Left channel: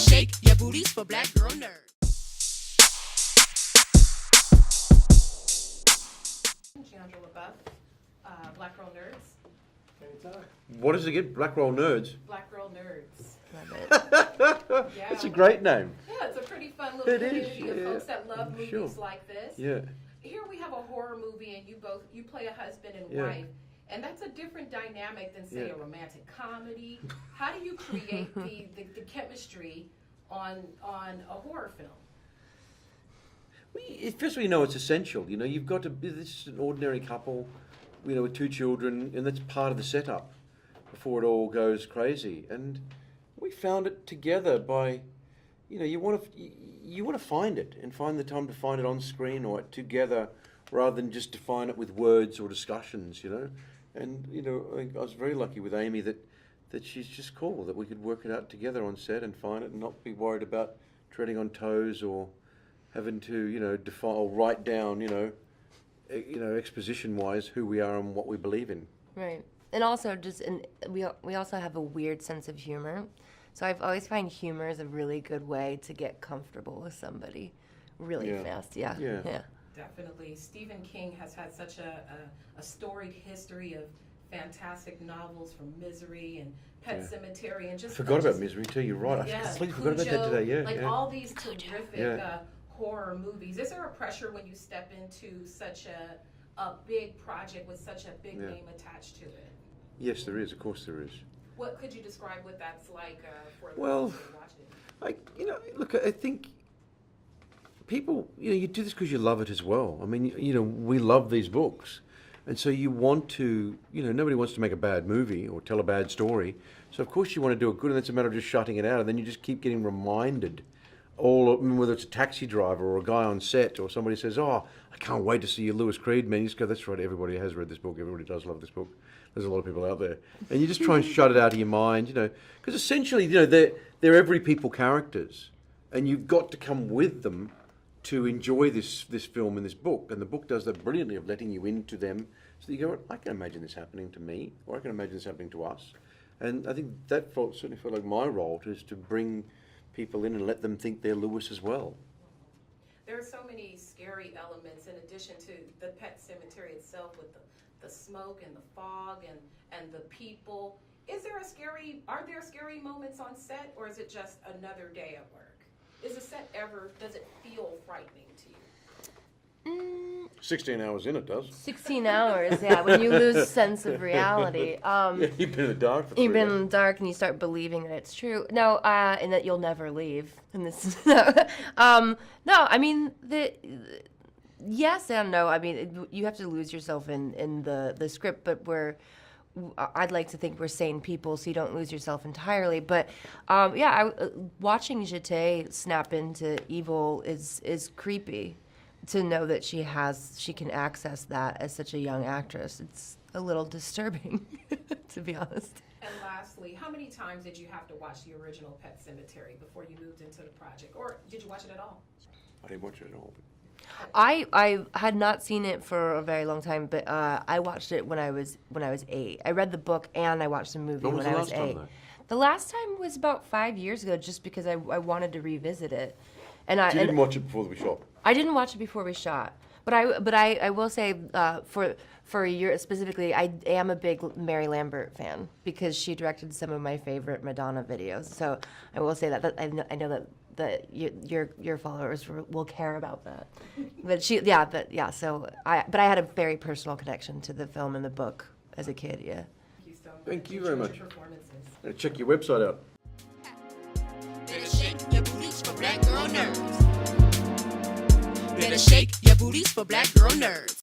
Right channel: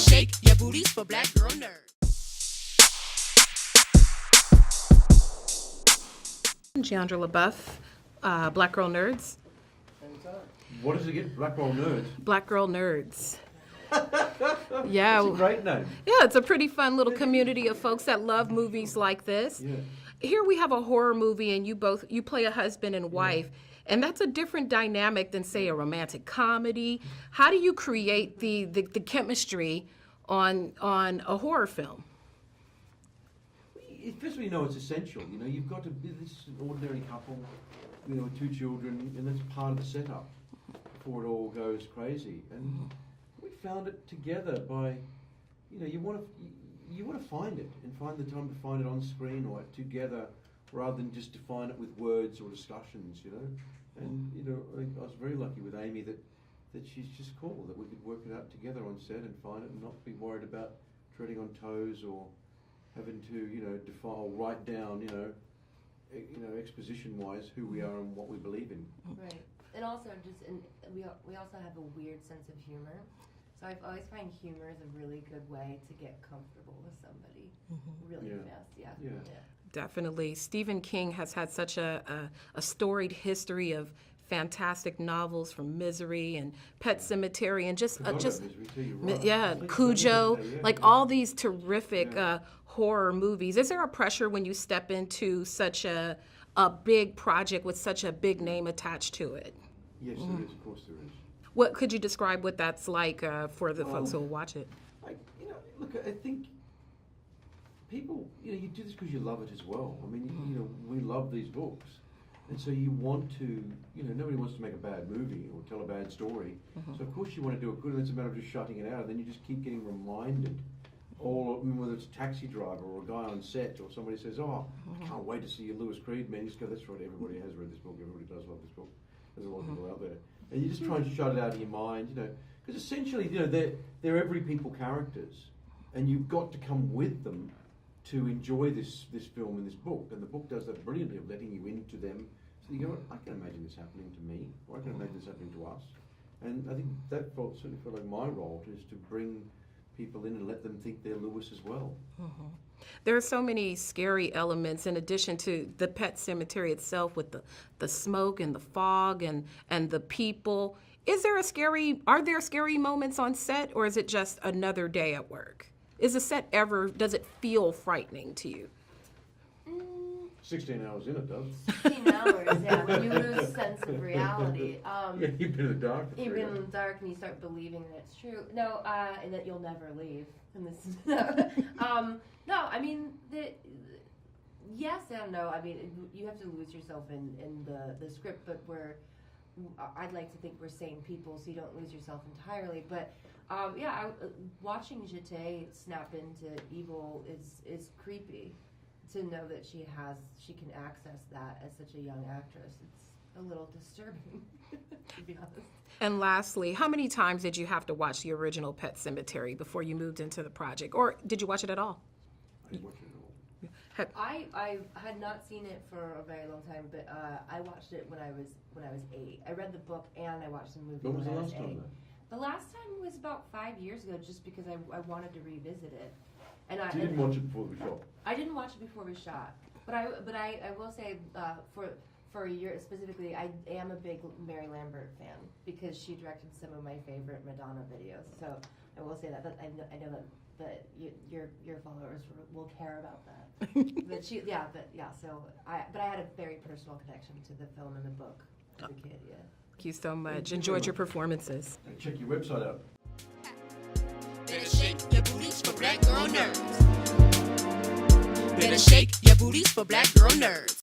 shake your booties for black girl nerds. Jeandra Lebeauf, Black Girl Nerds. What is it again? Black Girl Nerds? Black Girl Nerds. Yeah. It's a great name. Yeah, it's a pretty fun little community of folks that love movies like this. Yeah. Here we have a horror movie and you play a husband and wife. And that's a different dynamic than, say, a romantic comedy. How do you create the chemistry on a horror film? First of all, you know it's essential. You know, you've got to. This is an ordinary couple, you know, with 2 children, and that's part of the setup before it all goes crazy. And we found it together by, you know, you want to find it and find the time to find it on screen or together, rather than just define it with words or discussions. You know, and you know, I was very lucky with Amy that she's just cool, that we could work it out together on set and find it and not be worried about treading on toes or having to, you know, define or write down, you know, exposition-wise who we are and what we believe in. Right, and also we also have a weird sense of humor, so I've always find humor is a really good way to get comfortable with somebody, really fast. Yeah. Definitely. Stephen King has had such a storied history of fantastic novels, from Misery and Pet Sematary, and just forgot about Misery too. You're right. Yeah, Cujo, all these terrific horror movies. Is there a pressure when you step into such a big project with such a big name attached to it? Yes, there is. Of course, there is. What could you describe what that's like for the folks who watch it? Look, I think people, you know, you do this because you love it as well. I mean, you know, we love these books. And so you want to, you know, nobody wants to make a bad movie or tell a bad story. So of course you want to do it good, and it's a matter of just shutting it out. And then you just keep getting reminded, whether it's a taxi driver or a guy on set or somebody says, "Oh, I can't wait to see your Lewis Creed, man." You just go, "That's right, everybody has read this book. Everybody does love this book. There's a lot of people out there." And you just try and shut it out of your mind, you know, because essentially, you know, they're every people characters, and you've got to come with them to enjoy this film and this book. And the book does that brilliantly of letting you into them. So you go, I can imagine this happening to me, or I can imagine this happening to us. And I think that certainly felt like my role, is to bring people in and let them think they're Lewis as well. There are so many scary elements in addition to the Pet Sematary itself, with the smoke and the fog and the people. Are there scary moments on set, or is it just another day at work? Does it feel frightening to you? 16 hours in, it does. 16 hours, yeah, when you lose sense of reality. You've been in the dark for 3 You've been days. in the dark and you start believing that it's true. No, and that you'll never leave. And this, no, I mean, yes and no. I mean, you have to lose yourself in the script, but I'd like to think we're sane people, so you don't lose yourself entirely. But watching Jete snap into evil is creepy. To know that she can access that as such a young actress, it's a little disturbing, to be honest. And lastly, how many times did you have to watch the original Pet Sematary before you moved into the project, or did you watch it at all? I didn't watch it at all. I had not seen it for a very long time, but I watched it when I was 8. I read the book and I watched the movie when I was 8. The last time was about 5 years ago, just because I wanted to revisit it. And you didn't watch it before we shot? I didn't watch it before we shot, but I will say for a year specifically, I am a big Mary Lambert fan because she directed some of my favorite Madonna videos. So I will say that I know that your followers will care about that. So I had a very personal connection to the film and the book as a kid. Yeah. Thank you so much. Enjoyed your performances. Check your website out. Better shake your booties for black girl nerds. Better shake your booties for black girl nerds.